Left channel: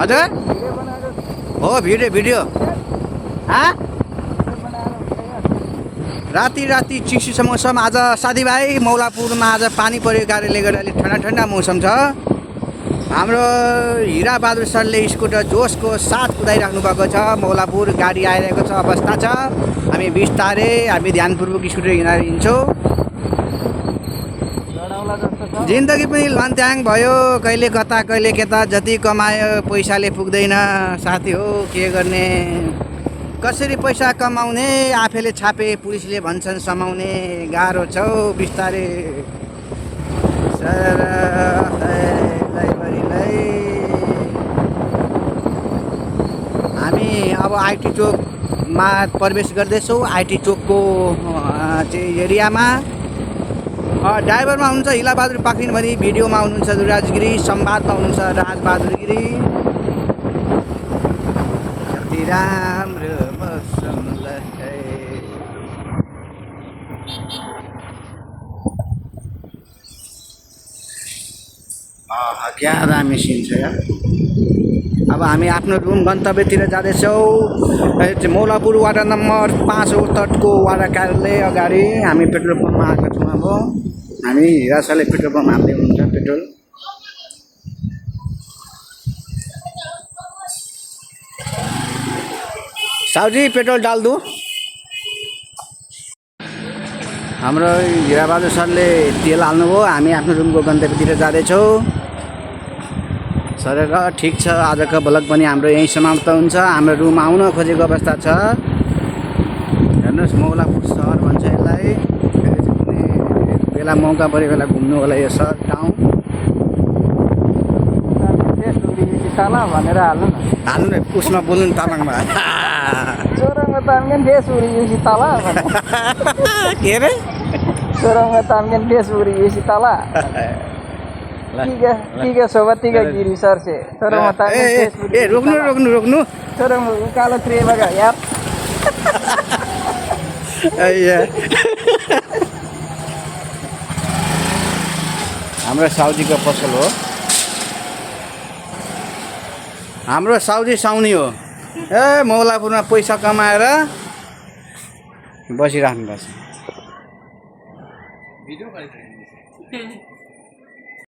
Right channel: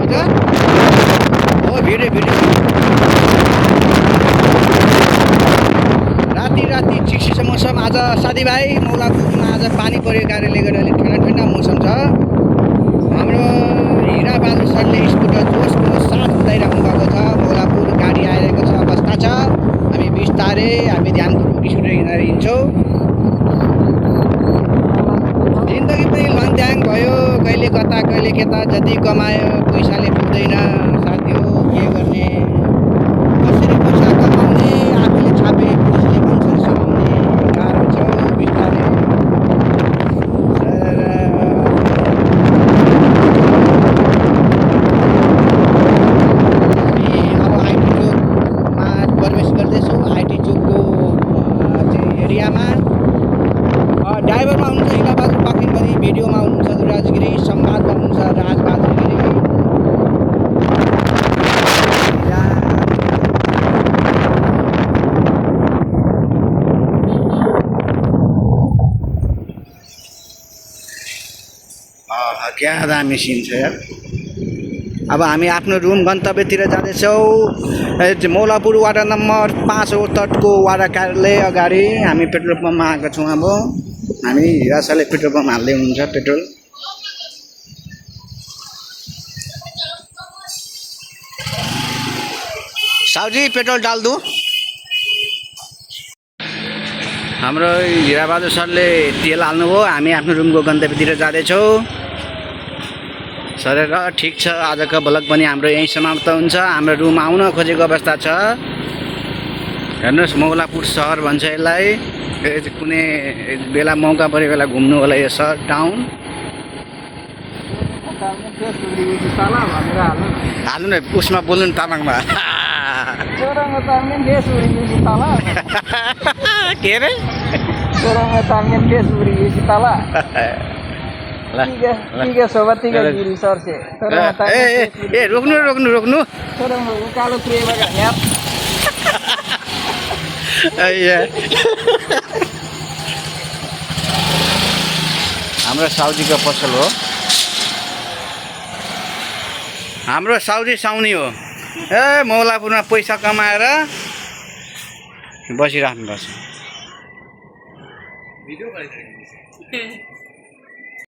हजुर हो भिडियो राति चिसो मौसम। आज साथीभाइ मौलापुरमा आज पानी परेको कारणले गर्दा अलिक ठन्डा मौसम छ। हाम्रो हिराबहादुर सरले स्कुटर जोसको साथ कुदाइराख्नु भएको छ। मौलापुर गाडी आइरहेको छ अवस्था छ। हामी बिस्तारै हामी ध्यानपूर्वक स्कुटर हिँडेर हिँड्छौँ। जिन्दगी पनि लङथ्याङ भयो, कहिले कता कहिले केता। जति कमायो पैसाले पुग्दैन साथी हो, के गर्ने। कसरी पैसा कमाउने आफैले छापे पुलिसले भन्छन् समाउने। गाह्रो छ बिस्तारै। हामी अब आइटी चोकमा प्रवेश गर्दैछौँ। आइटी चोकको चाहिँ एरियामा ड्राइभरमा हुनुहुन्छ हिलाबहादुर पाखरिनभरि, भिडियोमा हुनुहुन्छ दुराज गिरी, संवादमा हुनुहुन्छ राजबहादुर गिरी। क्या दामी सिन छ यार। अब हामी आफ्नो रुम गन्तव्यतिर जाँदैछौँ। मौलापुर वाडा नम्बर 5 हो तटको वाडा कार्यालय अगाडि हामी पेट्रोल पम्पमा आएको छौँ। अब हामी हिरासले पेट्रोल पम्प हाल्दै हुनुहुन्छ पेट्रोल। साउजी पेट्रोल डाल दो। हाम्रो हिराबहादुर सरले तेल हाल्नुभयो। हामी आफ्नो रुमको गन्तव्यतिर जाँदैछौँ। सरेर ठिक छ, आजको ब्लग पनि हाम्रो यहीँ समाप्त हुन्छ। हाम्रो रुम आउन खोजेको अवस्था छ। हेर्नुहोस् मौलापुर सहर भन्छ यसलाई। फेरि कुनै बेला मौका पऱ्यो बेला घुम्नु होला यो सहर टाउन। हाल्नु न उसमा बोल्नु न तामाङमा। के अरे रोक्नु उकालो ट्रेन यार। हाम्रो साउजीको पसल हो। हाम्रो साउजी साउनी हो। मौलापुरमा पैसा कमाएर बसिराख्नुपर्छ।